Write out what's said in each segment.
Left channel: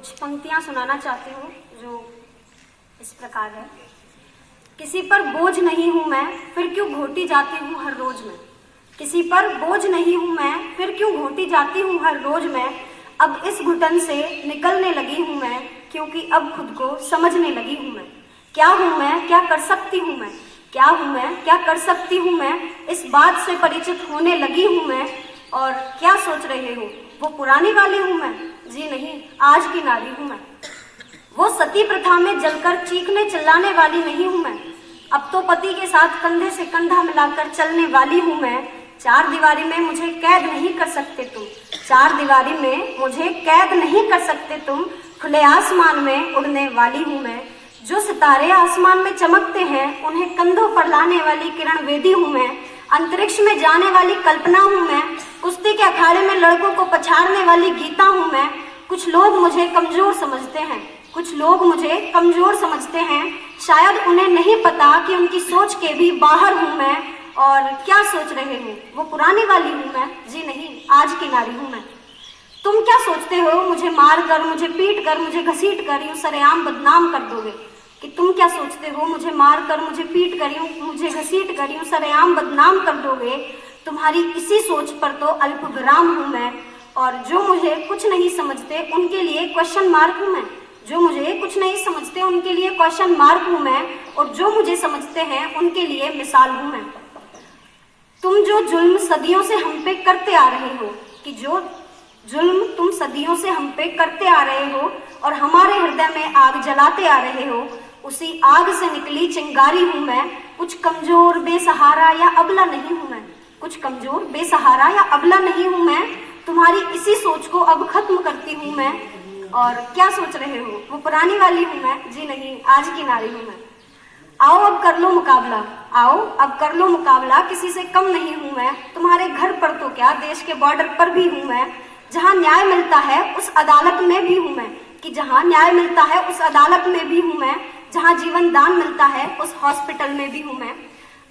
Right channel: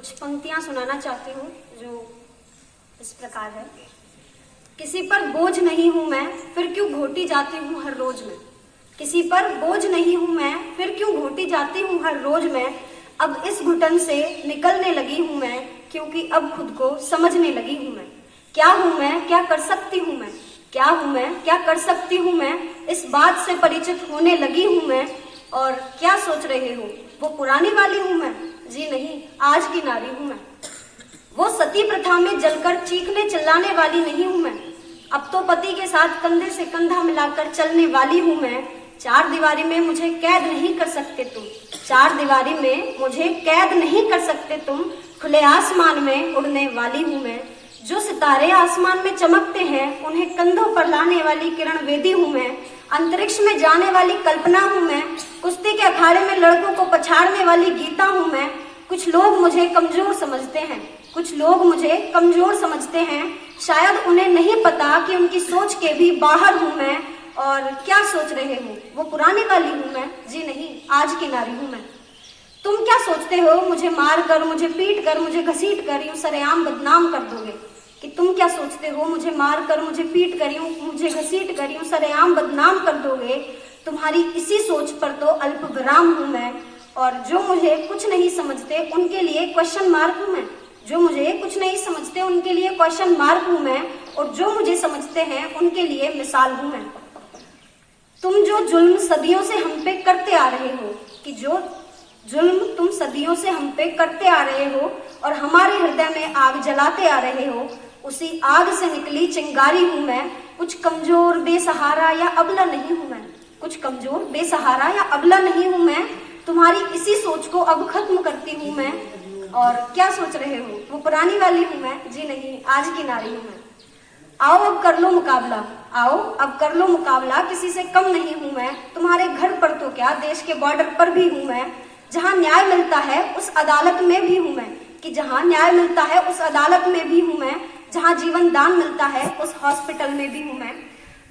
कुछ पंक्तियां सुनाना चाहती हूँ जो इस प्रकार है। किसी पर बोझ नहीं हूं मैं, फिर क्यों घोटी जाती हूँ हर रोज में। किसी पर बोझ नहीं हूं मैं, फिर क्यों घोटी जाती हूँ हर रोज में। अब इस घुटन से निकलने लगी हूं मैं, क्योंकि अब खुद को समझने लगी हूं मैं। क्या हूं मैं, क्या कर सकती हूं मैं, क्या हूं मैं, क्या कर सकती हूं मैं, इस बात से परिचित होने लगी हूं मैं। और क्या सोच रहे हो, वो पुरानी वाली हूं मैं? जी नहीं, आज की नारी हूं मैं। वो सती प्रथा में जलकर चीखने चिल्लाने वाली नहीं हूं मैं। अब तो पति के साथ कंधे से कंधा मिलाकर चलने वाली हूं मैं। चार दीवारी में मुझे कैद नहीं कर सकते तुम, चार दीवारी में मुझे कैद नहीं कर सकते तुम। खुले आसमान में उड़ने वाली हूं मैं। जो सितारे आसमान में चमकते हैं, उन्हें कंधों पर लाने वाली किरण वेदी हूं मैं। अंतरिक्ष में जाने वाली कल्पना हूं मैं। कुश्ती के अखाड़े में लड़कों को पछाड़ने वाली गीता हूं मैं। कुछ लोग मुझे कमजोर समझते हैं, कुछ लोग मुझे कमजोर समझते हैं। शायद उन्हें नहीं पता कि उनकी सोच के भी बाहर हूं मैं। और क्या सोच रहे हो, वो पुरानी वाली हूं मैं? जी नहीं, आज की नारी हूं मैं। तुम क्या सोचते हो, मुझे मार कर, मुझे पीट कर, मुझे घसीट कर यूं सरेआम बदनाम कर दोगे? कि तुम क्या सोचते हो, मुझे मार कर, मुझे पीट कर, मुझे घसीट कर यूं सरेआम बदनाम कर दोगे? तुम्हारी इसी सोच पर तो अल्प विराम हूं मैं। और जो मुझे कुछ नहीं समझते उनके लिए क्वेश्चन मार्क हूं मैं। जो मुझे कुछ नहीं समझते उनके लिए क्वेश्चन मार्क हूं मैं। और जो मुझे समझते हैं उनके लिए मिसाल हूं मैं। तुम जो जुल्म सदियों से हम पे करते आ रहे हो, कि जो जुल्म तुम सदियों से हम पे करते आ रहे हो और हमारे हृदय में आग जलाते आ रहे हो, उसी आग से निकली चिंगारी हूं मैं। कुछ कमजोर बेसहारा या अबला नहीं हूं मैं, कुछ कमजोर बेसहारा या अबला नहीं हूं मैं। तुम्हारी इसी सोच को अब खत्म करती हूं मैं। और क्या सोच रहे हो, वो पुरानी वाली हूं मैं? जी नहीं, आज की नारी हूं मैं। आओ अब कर लो मुकाबला, आओ अब कर लो मुकाबला, किसी से कम नहीं हूं मैं। तुम्हारे घर पर तो क्या, देश के बॉर्डर पर भी हूं मैं। जहां न्याय मिलता है उस अदालत में भी हूं मैं, कि जहां न्याय मिलता है उस अदालत में भी हूं मैं। जहां जीवन दान मिलता है उस हॉस्पिटल में भी हूं मैं।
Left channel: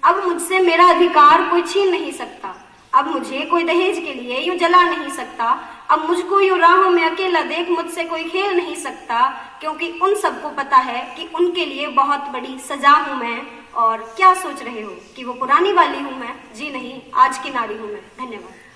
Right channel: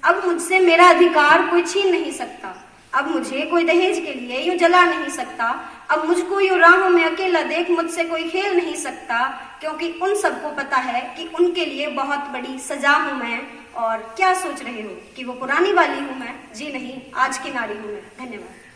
अब मुझसे मेरा अधिकार कोई छीन नहीं सकता, अब मुझे कोई दहेज के लिए यूं जला नहीं सकता। अब मुझको यूं राहों में अकेला देख मुझसे कोई खेल नहीं सकता, क्योंकि उन सबको पता है कि उनके लिए बहुत बड़ी सजा हूं मैं। और क्या सोच रहे हो, कि वो पुरानी वाली हूं मैं? जी नहीं, आज की नारी हूं मैं। धन्यवाद।